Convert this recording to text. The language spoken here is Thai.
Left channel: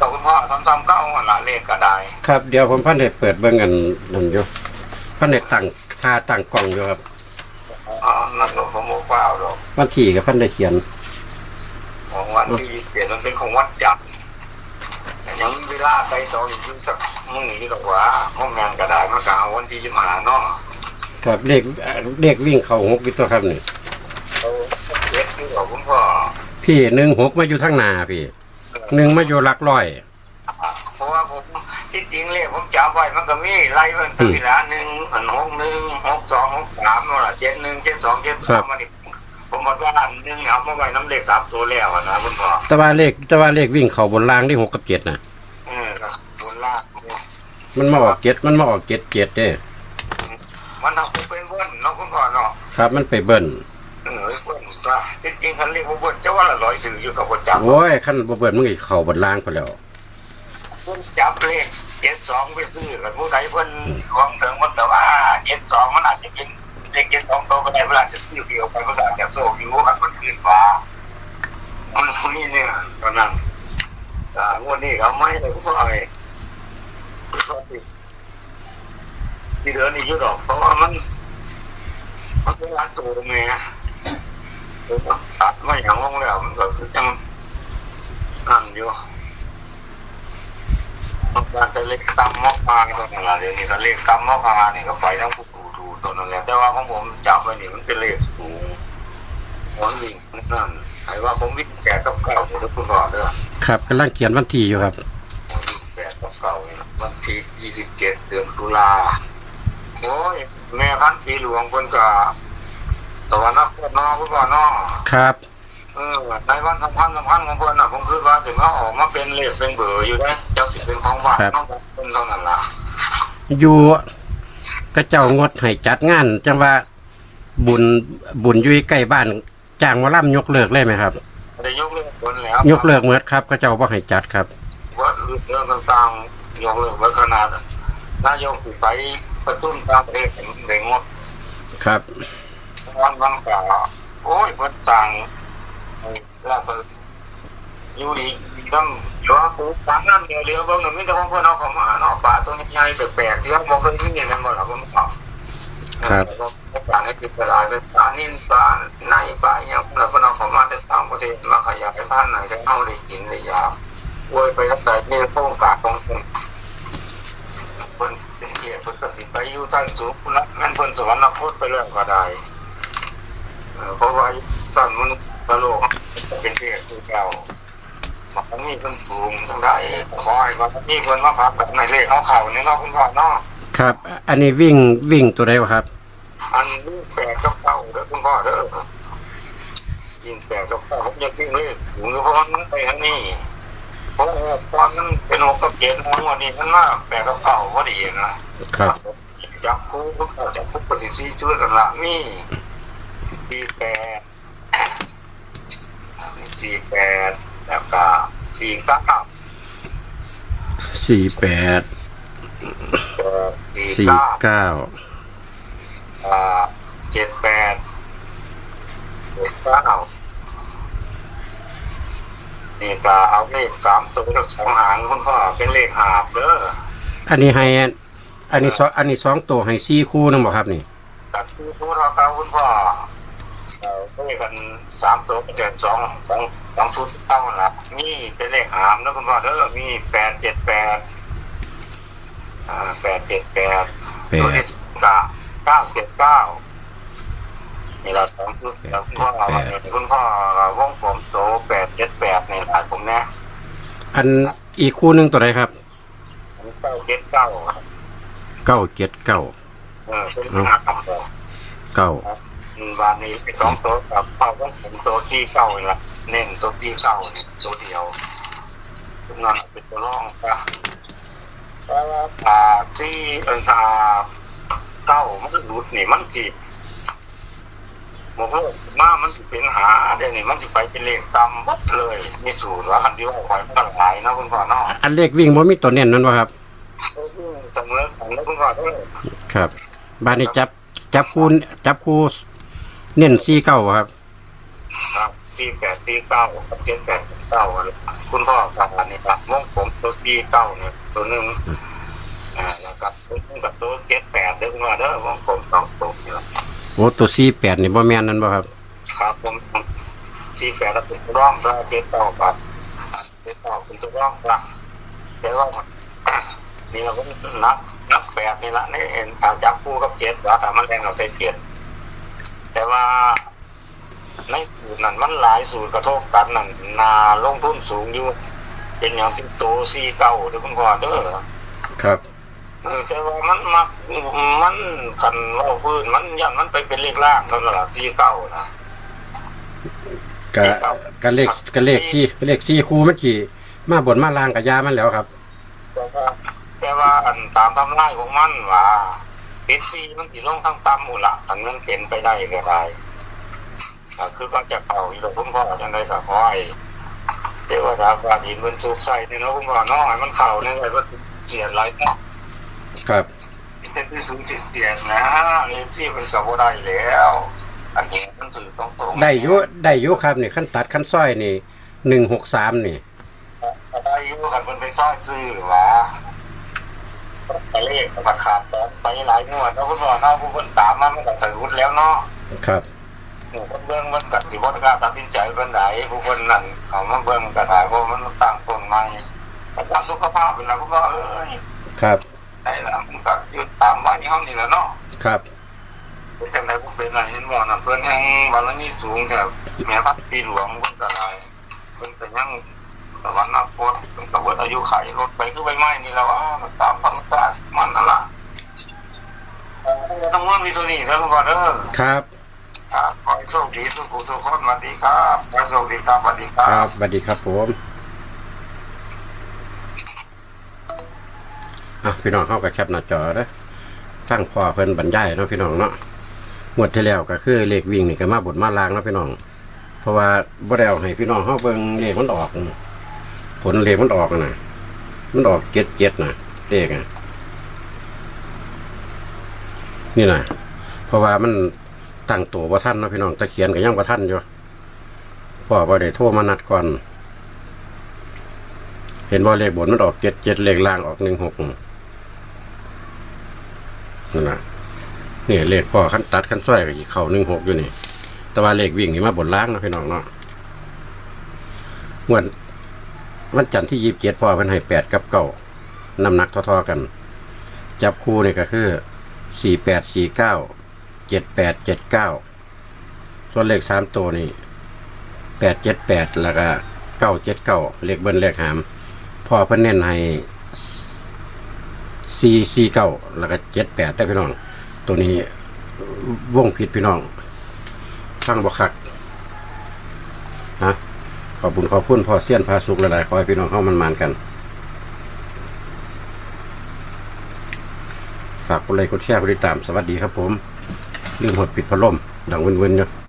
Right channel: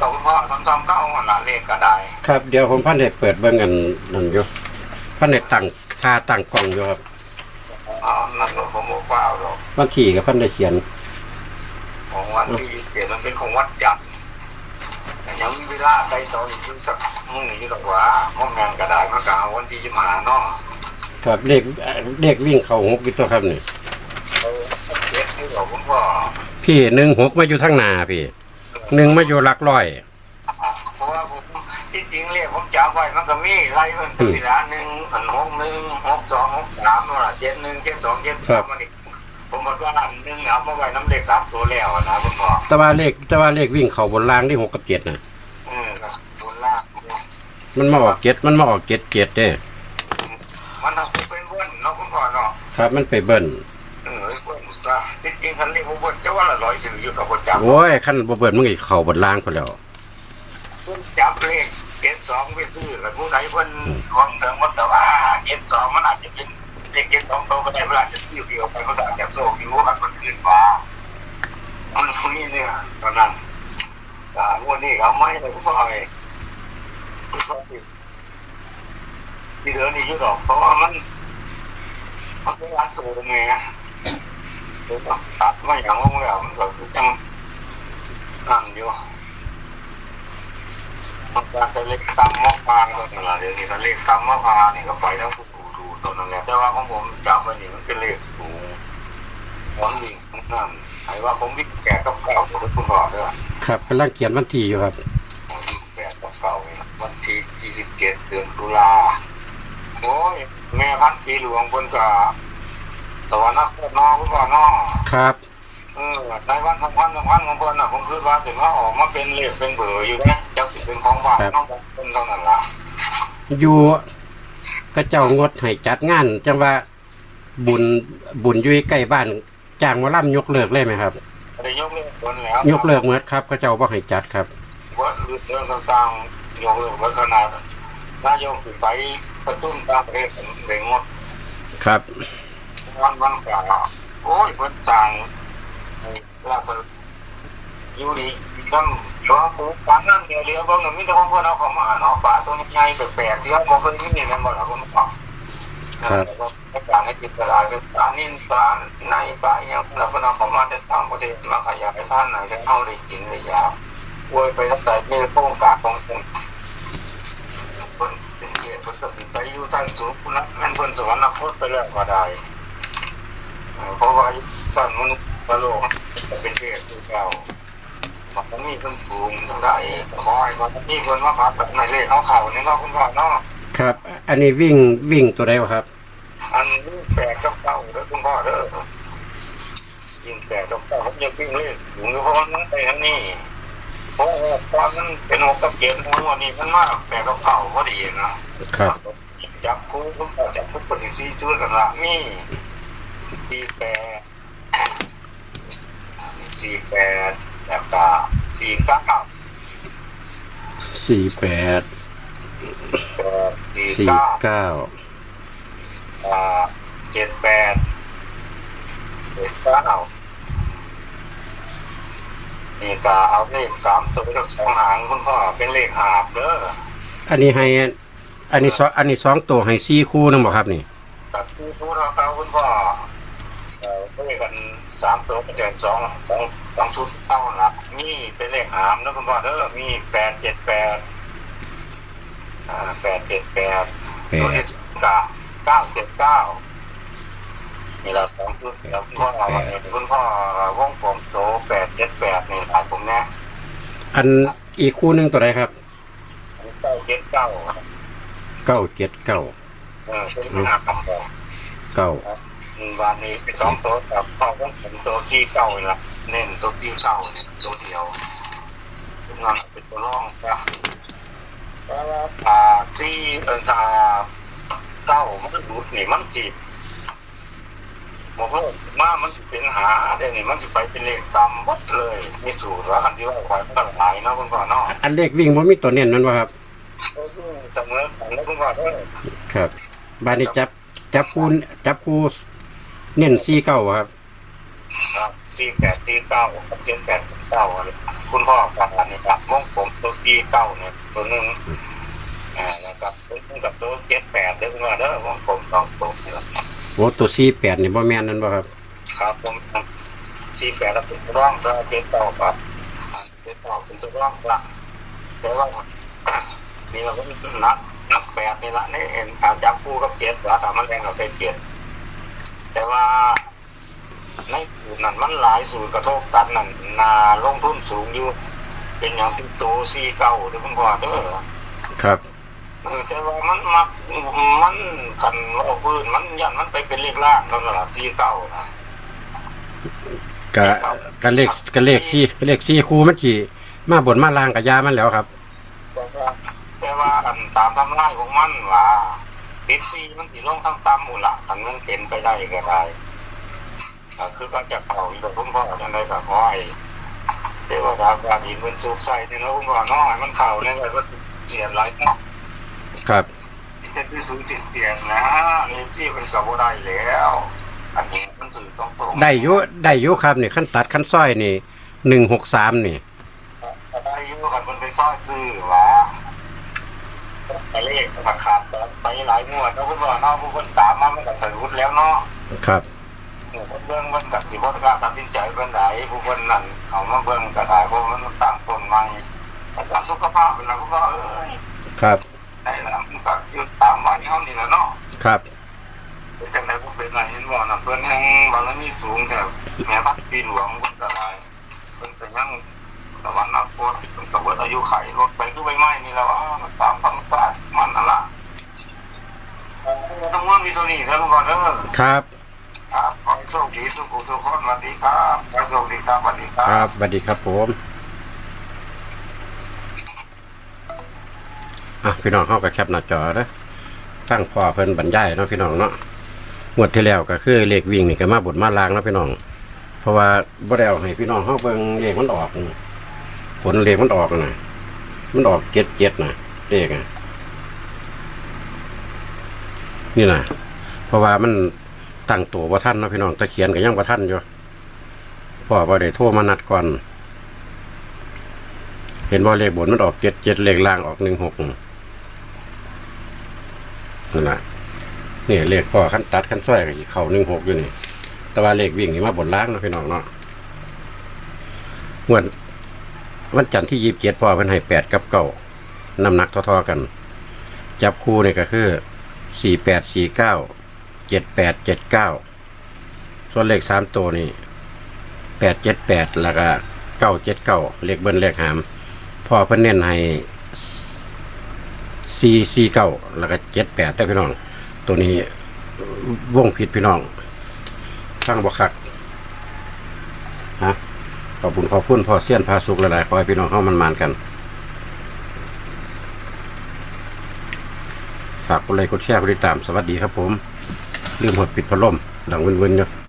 เราคุณพ่อทำซ้ำเก้าวันละเลขก็ได้ ครับเดี๋ยวผมพันเด็ดเปิดเบิ่งกันนั่นอยู่พันเด็ดตั้งท่าตั้งกล้องอยู่ครับอ๋อนั่นก็ผมบอกว่าหรอกวันที่กับพันได้เขียนของวันที่ยี่สิบเอ็ดมันเป็นของวัดจับแต่ยังมีเวลาไปต่ออีกสักมึงนี่ดอกว่าห้องงานก็ได้มันกลางวันที่ยี่สิบห้าเนาะครับเลขเอ่อเลขวิ่งเข้าหกอยู่ตัวครับนี่เราเก็บที่เราคุณพ่อพี่หนึ่งหกมาอยู่ทั้งหนาพี่ หนึ่งมาอยู่หลักร้อย เพราะว่าผมที่จริงเลขผมจับไว้มันก็มีไล่มันตีละหนึ่งอันหกหนึ่งหกสองหกสามนั่นแหละเจ็ดหนึ่งเจ็ดสองเจ็ดสามมันนี่ผมบอกว่าอันหนึ่งเอามาไว้น้ำเลขสามตัวแล้วอะนะคุณพ่อแต่ว่าเลขแต่ว่าเลขวิ่งเข้าบนรางที่หกกับเจ็ดนะเออครับบนล่างเนี่ยมันมาออกเจ็ดมันมาออกเจ็ดเจ็ดเด้มันทำให้เป็นเบิ้ลเนาะคุณพ่อเนาะครับมันไปเบิ้ลเออเบิ้ล ก็จริงๆคันเรียกว่าเบิ้ลจะว่าละร้อยสื่ออยู่กับคนจับโอ้ยขั้นบ่เบิ้ลมันก็เข้าบนรางพอแล้วคนจับเลขเจ็ดสองไปซื้อแล้วผู้ใดเพิ่นวางถึงมันแต่ว่าเจ็ดสองมันอาจจะเป็นเลขเจ็ดสองโตก็ได้เวลาจะซื้อเดียวไปก็ได้แบบโซ่อยู่ว่ามันคืนกว่ามันนี่เนี่ยตอนนั้นอ่างวดนี้เขาไม่เลยคุณพ่อเลยที่เหลือนี่อยุดอกเพราะว่ามันมันเป็นร้านตัวแม่ ตัดไม่อย่างงงแล้วมันก็คือยังนั่นอยู่การจะเล็กตำมะพร้าวก็นั่นแหละเดี๋ยวนี้ถ้าเล็กตำมะพร้าวเนี่ยก็ไปทั้งผู้ดูดูตัวนั่นแหละแต่ว่าของผมจับไว้นี่มันเป็นเลขสูงผมวิ่งนั่นไอ้ว่าผมวิ่งแปดกับเก้าผมจะพูดก่อนเด้อครับกำลังเขียนวันที่อยู่ครับผมวิ่งแปดกับเก้าเนี่ยวันที่ยี่สิบเจ็ดเดือนตุลาโอ้ยแม่พันธุ์สีหลวงเพิ่นก็ ตะวันนักพนอคุณพ่อเนอครับ เออในวันสำคัญสำคัญของเพิ่นน่ะผมคือว่าถึงเขาออกมาเป็นเลขเป็นเบอร์อยู่นะเจ้าสิเป็นของฝากน้องเพิ่นเท่านั้นล่ะอยู่กระเจ้างดให้จัดงานจังว่าบุญบุญอยู่ใกล้บ้านจ้างหมาล่ำยกเลิกเลยไหมครับได้ยกเลิกเพิ่นแล้วยกเลิกเมื่อครับกระเจ้าบ่ให้จัดครับว่าเรื่องต่างๆยกเลิกไว้ขนาดนายกสิไปประตุ้นต่างประเทศได้งดครับ วันบางกล่าโอ้ยเพิ่นต่างราชอยู่ดีต้องรอปูต่างนั้นเดียวเดียวเบิ่งน่ะมีแต่ของเพิ่นเอาเข้ามาเนาะปลาตัวใหญ่แปลกๆที่เราบ่เคยมีนั่นบ่ล่ะผมบอกครับก็ต่างให้ติดตลาดเป็นปลานิ่นปลาในปลาอหยังเราก็นำเข้ามาจากต่างประเทศมาขยายพันธุ์ไหนจะเอาได้กินได้ยาวอวยไปตั้งแต่เนี่โป้งกาตรงเพิ่นเพิ่นเป็นเกียรติเพิ่นก็สินไปอยู่ทางสูงพุ่นละแม่นเพิ่นสวรรคตไปแล้วก็ได้ เอ่อเพราะว่าตอนมันกระโหลกจะเป็นเด็กคือเก่ามันมีคนสูงจังได้ขอให้ว่ามีคนมาพักกับในเลขเขาเข่านี่เนาะคุณพ่อเนาะครับ อันนี้วิ่งวิ่งตัวใดวะครับ อันนี้แปลกกับเก่าเด้อคุณพ่อเด้อยิงแปลกกับเก่าผมอยากวิ่งเลขสูงเพราะว่ามันไปทางนี้เพราะว่าตอนนั้นเป็นหกกับเจ็ดหัวนี่มันมากแปลกกับเก่าพอดีนะครับจับคู่คุณพ่อจับคู่ปฏิสีช่วยกันละมี สี่แปดสี่แปดแล้วก็สี่เก้าสี่แปดเอ่อสี่สี่เก้าเก้าอ่าเจ็ดแปดเจ็ดเก้านี่ก็เอาเลขสามตัวกับสองหางคุณพ่อเป็นเลขหาบเด้ออันนี้ให้ อันนี้สองอันนี้สองตัวให้สี่คู่นึงบ่ครับนี่แต่ที่พูดเราเอาคุณพ่อ เราเลขกันสามตัวเป็นสองสองสองชุดเก้าละนี่เป็นเลขหามนะคุณพ่อเด้อมีแปดเจ็ดแปดอ่าแปดเจ็ดแปดแปตัวดที่เก้าเก้าเจ็ดเก้านี่เราสองชุดแล้วคุณพ่อเราเนี่ยคุณพ่อวงผมโตแปดเจ็ดแปดนี่หลายผมเนี่ยอันอีกคู่หนึงตัวใดครับเก้าเจ็ดเก้าเก้าเจ็ดเก้าเออเป็นหาคำ บอกเก้าวันนี้เป็นสองโต๊ะกับเป้าของผมโต๊ะที่เก้านี่ละเน้นโต๊ะที่เก้านี่โต๊ะเดียวทุกงานเป็นตัวร่องปะแล้วอ่าที่เอออ่าเก้ามันดูดนี่มันจีบบอกว่าหน้ามันสิเป็นหาเดี๋ยวนี้มันสิไปเป็นเลขตามหมดเลยมีสูตรว่าคันที่ว่าคอยมันหลายเนาะคุณพ่อเนาะอันเลขวิ่งบ่มีตัวเน้นนั่นวะครับเสมอของแล้วคุณพ่อเด้อครับบ้านนี้จับจับคู่จับคู่ เน้นสี่เก้าครับ ครับสี่แปดสี่เก้าเจ็ดแปดเก้าอะไรคุณพ่อครับอันนี้ครับวงกลมปีเก้าเนี่ยตัวหนึ่งอ่าแล้วกับตัวกับตัวเจ็ดแปดเด้อมาเด้อผมผมสองตัวนี่แหละโอ้ตัวสี่แปดนี่บ่แม่นนั่นบ่ครับ ครับผมสี่แปดแล้วเป็นตัวร่องก็เจ็ดต่อครับเจ็ดต่อเป็นตัวร่องครับแต่ว่านี่เราก็นับนับแปดนี่ละนี่เห็นทางจับคู่กับเจ็ดว่าถ้ามันแรงเราใส่เจ็ด แต่ว่าในสูตรนั้นมันหลายสูตรกระทบกันนั่นนาลงทุนสูงอยู่ เป็นอย่างสิบโตซีเก้าเด้อคุณพ่อเด้อครับเออแต่ว่ามันมักมันขันว่าพื้นมันยันมันไปเป็นเลขล่างเท่านั้นละซีเก้านะกะกะเลขกะเลขสี่เลขสี่คู่มันกี่มาบนมาลางกับยามันแล้วครับ แต่ว่าแต่ว่าอันตามทำลายของมันว่า ติดซีมันติลงทั้งตามหมู่ละทันมันเป็นไปได้ก็ได้อ่าคือก็จะเป่าอยู่กับคุณพ่อจังไดก็ขอให้เทวดาฟ้าดินบนสุขใส่ในโลกคุณพ่อเน้อยมันเข่าในใจก็เสียหลายเนาะครับเป็นที่สูงสิเสียงนะนี่ที่เป็นสาวได้แล้วอันนี้มันถือต้องตรงได้อยุได้อยุครับนี่ขั้นตัดขั้นซ้อยนี่หนึ่งหกสามนี่ได้อยุ่ขันคนไปซ่อนซื้อหว่า ไปเลขบัตรขาดไปหลายงวดแล้วคุณบอกเนาะผู้คนตามมามันก็ถึงรุดแล้วเนาะครับเบื้องมันกัดที่บริการตัดสินใจเป็นไหนผู้คนนั่นเขามาเบื้องกระถายเพราะมันตั้งต้นมาแต่ว่าสุขภาพเป็นไรคุณพ่อเอ้ยครับได้แล้วมันก็ยืนตามวันนี้ห้องนี่แหละเนาะครับจังไดผู้เป็นอะไรเห็นบ่น่ะเพิ่นยังบารมีสูงแต่แม่พัดปีหลวงเพิ่นก็ได้เพิ่นก็ยัง สวรรค์โคตรเพิ่นก็เบิดอายุไขรถไปคือใบไม้นี่แล้วอ่ามันตามความกล้ามันนั่นล่ะเออทั้งวันมีตัวนี้ครับคุณพ่อเด้อครับครับขอให้โชคดีทุกผู้ทุกคนสวัสดีครับขอให้โชคดีครับสวัสดีคครัรับบสวัสดีครับผมอะพี่น้องเข้ากับแคปหน้าจอนะฟังพ่อเพิ่นบรรยายเนาะพี่น้องเนาะงวดที่แล้วก็คือเลขวิ่งนี่ก็มาบทมาลางเนาะพี่น้อง เพราะว่าบ่ได้เอาให้พี่น้องเฮาเบิ่งเลขมันออกนี่ ผลเลขมันออกนะมันออกเจ็ดเจ็ดนะเลขอะนี่นะเพราะว่ามันตั้งตัวบ่ทันเนาะพี่น้องตะเขียนก็ยังบ่ทันอยู่พ่อบ่ได้โทรมานัดก่อน เห็นว่าเลขบนมันออกเจ็ดเจ็ดเลขล่างออกหนึ่งหกนั่นน่ะนี่เลขพ่อขั้นตัดขั้นส้อยกับเข่าหนึ่งหกอยู่นี่ แต่ว่าเลขวิ่งนี่มาบนล่างเนาะพี่น้องเนาะงวัน วันจันทร์ที่ยี่สิบเจ็ดพ่อเพิ่นให้แปดกับเก้าน้ำหนักเท่อๆกัน จับคู่นี่ก็คือสี่แปดสี่เก้าเจ็ดแปดเจ็ดเก้าส่วนเลขสามตัวนี่แปดเจ็ดแปดแล้วก็เก้าเจ็ดเก้าเลขเบิ้ลเลขหามพ่อเพิ่นเน้นให้สี่สี่เก้าแล้วก็เจ็ดแปดได้พี่น้อง ตัวนี้วงผิดพี่น้องฟังบ่คักนะ อบคุญขอบคุณพ่อเสี้ยนพาสุกหลายๆขอให้พี่น้องเข้ามันมานกัน ฝากกดไลค์กดแชร์กดติดตามสวัสดีครับผม ลืมหดปิดพัดลมดังเวินๆเนาะ